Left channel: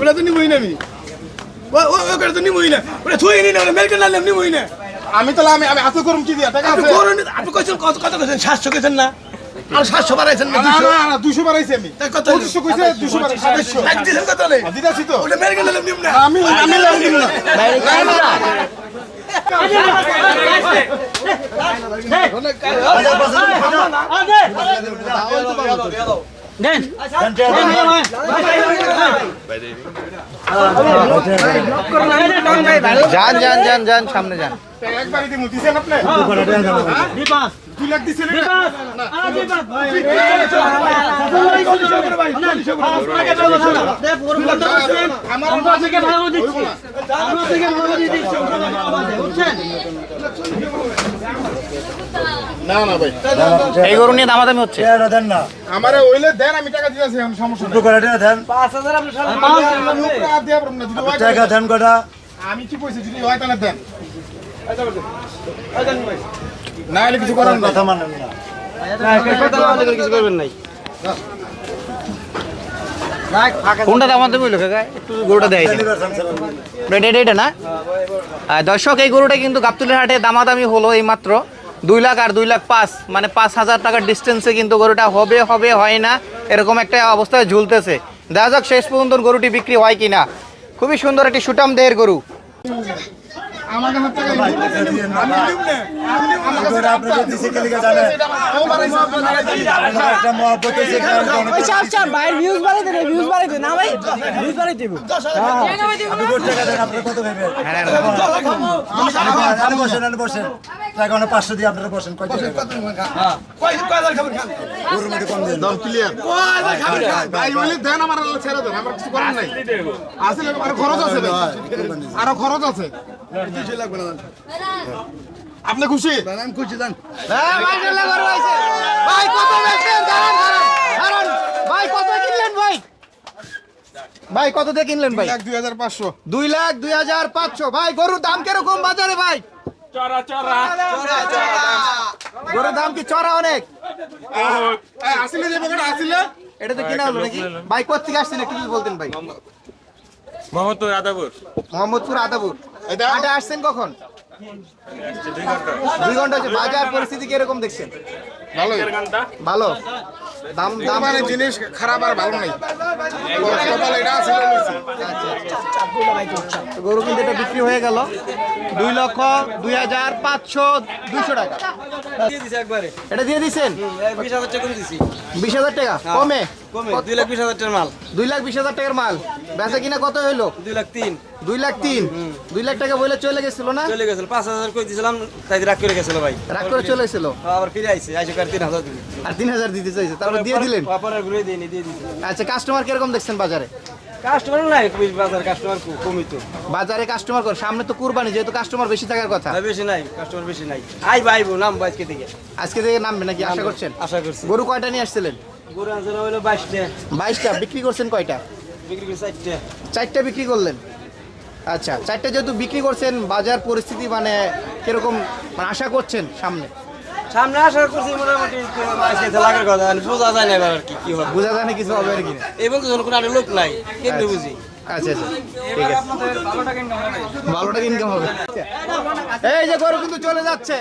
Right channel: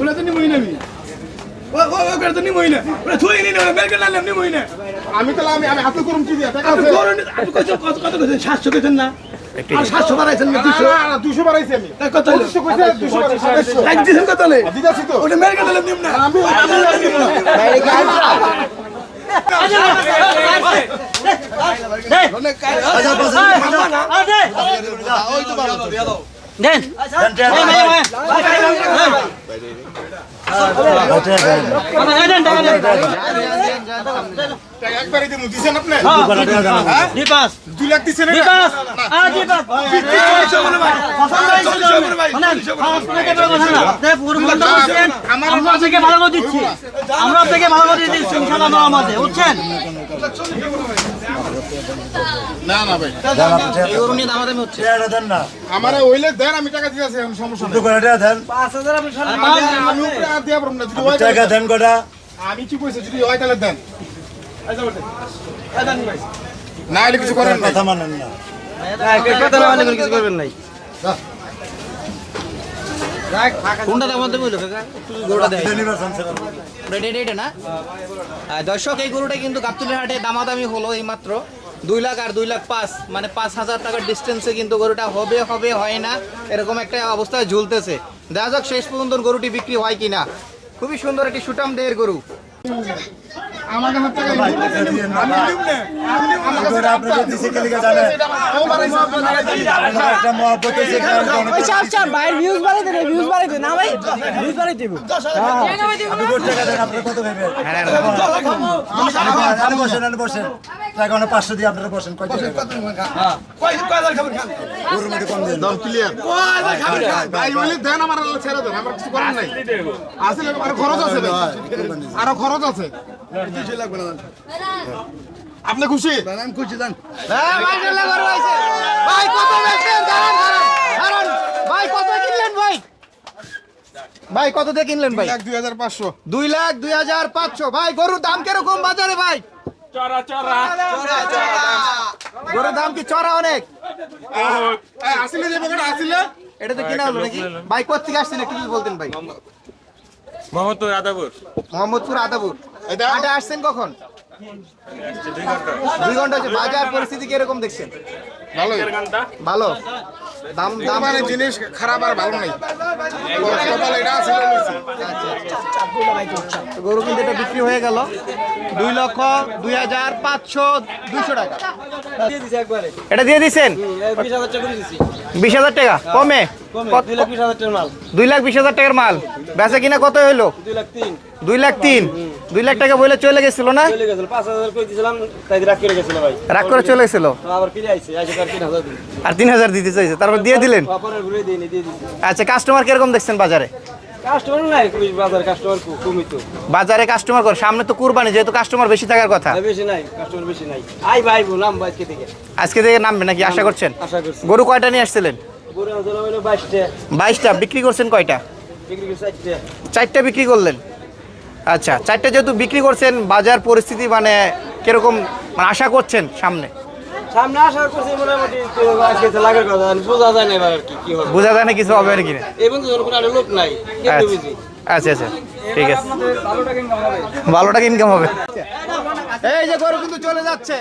ওটা তো নিবই না আমি ওটা তো নিবই না ওটা থুই নি না মেলকে না নিবই না আমি তো আমি হাতে করুম কি দিয়া টাকা আছে আপনি কত কইছেন 700 কইছেন না আর 700 বাড়াইছেন না 200 বাড়াইছি আমি তাই কত 200 কইছে 200 বাড়াইছি লাগ দিছেন কত নে দিদাছি তো ওটা মেলকে না নিম না আমি নিম না বাইরে গায় না দেন যান সামনে যান একবারই দিমু দিছেন আপনি দিপাস 2 লাখ দিছেন দিপাস আমরা থেকে ভালো করে দিচ্ছি ইনশাআল্লাহ আমাদের বুঝছেন না ভাই এই গরু নিয়ে দামাদামি হচ্ছে দেন না আমারে ওইলে দেন আমি টাকা দিতেছি সমস্যা শুধু করে দেন 5000 আপনি আমি উপরে আর দিয়া পারব না যদি হয় টাকা দেন কটা আমি কি কইছি যদি হয় তাহলে দেন না হলে কিছু করেন না কথা মানেন না কিছু করবেন নাই কোনটা দামাদামি হইলো কাকা একটু গরুটা দেয় এটা না দর্শক এই গরুটা কিন্তু গাবতলী হাটে দামাদামি হলো এই মাত্র 2 লাখ আর 2 লাখ 5 মানে 5,000 টাকার ডিস্টেন্সে কিন্তু গরুটা হবে হয় না এরকম একটা অবস্থায় ঝুলতেছে দেখা যাক শেষ পর্যন্ত গরুটি বিক্রি হয় কিনা খুবই সুন্দর একটি সুটাম দেহের গরু আমার কাছে টাকা আমি দিব না আপনারা আপনারা দিছে কে লিখে জানেন একটা মহব্বত আছে আচ্ছা ভাই ভিউজ বাড়াই দেন না ভাই ভিউজ বাড়াই দেব আপনি কত টাকা দেন আপনি কত ভাবেন আমি বসেন টাকা 500 দিয়ে আপনারা বসেন কত কয়দার খাবার খান গরুর মধ্যে কম দেন দাম ক্লিয়ার কয়দার খাবার খান ভাই বলে দেন আমার ছেড়ে দেন আমার কিছু করার নাই আসলে আর খরচ আছে ভাই আরো খরচ আছে 200 লাগবে না আপনি খুশি আমি খুশি দেন মাশাআল্লাহ গরু হইছে ভাই কত বেচছেন দাঁড়ান ভাই কত কিনলেন ভাই কত দিয়ে কিনলেন ভাই 1,2500 2,02,500 ভাই গরুর দাম কিরকম বাজারে ভাই চড়া গরুর দাম কি চড়া অনেক আসলে যে বকটা আসলে এটা তো কিনা হলো নাকি ভাই কোথা থেকে আসছেন একটু যদি বলতেন ভাই মোহাম্মদপুর আদাপুর এটা হাটে আসছেন কখন 2 ঘন্টা হচ্ছে বাজার পরিস্থিতি কিরকম দেখছেন ভালো দাম মানে জিনিস খারাপ আর ভালো নাই কপাল এটা আছে গরু কিন্তু এটা বিক্রি হয়ে গেল 2,02,500 টাকা এটা দিয়ে দিচ্ছেন 20,000 টাকা কমে 2,20,000 টাকার মাল বেচা কিনা কত হইলো 2,03,000 2 লাখ টাকা বলে চলে গেছিল না রাগ করে চলে গেছিল আর 3,000 দিতে চাইছে তারপর দিয়ে দিলেন আচ্ছা কাস্টমার কিরকম দেখছেন বাজারে বাজারে কাস্টমার কর সামনে তো কুরবানি যেহেতু কাস্টমার বেশি থাকার কথা আজকে থেকে নামবে নাকি আশা করছেন গরু কয়টা নিয়ে আসছিলেন 22টা বিক্রি করছেন কয়টা 4টা বিক্রি করলেন আচ্ছা 4টা যেহেতু বিক্রি করছেন বাজার পরিস্থিতি মানে কিরকম মানে আশা করছেন সামনে আশা করছি মোটামুটি আজকে লাগার কথা বোঝা যায় না এবার কি হবে বোঝা যায় না কিছু হবে নাকি এবং কোনো আর লোক নাই কিন্তু বুঝি আচ্ছা ঠিক আছে ভালো টাকা ইনকাম হবে এই যে গরু কিন্তু চলে যাচ্ছে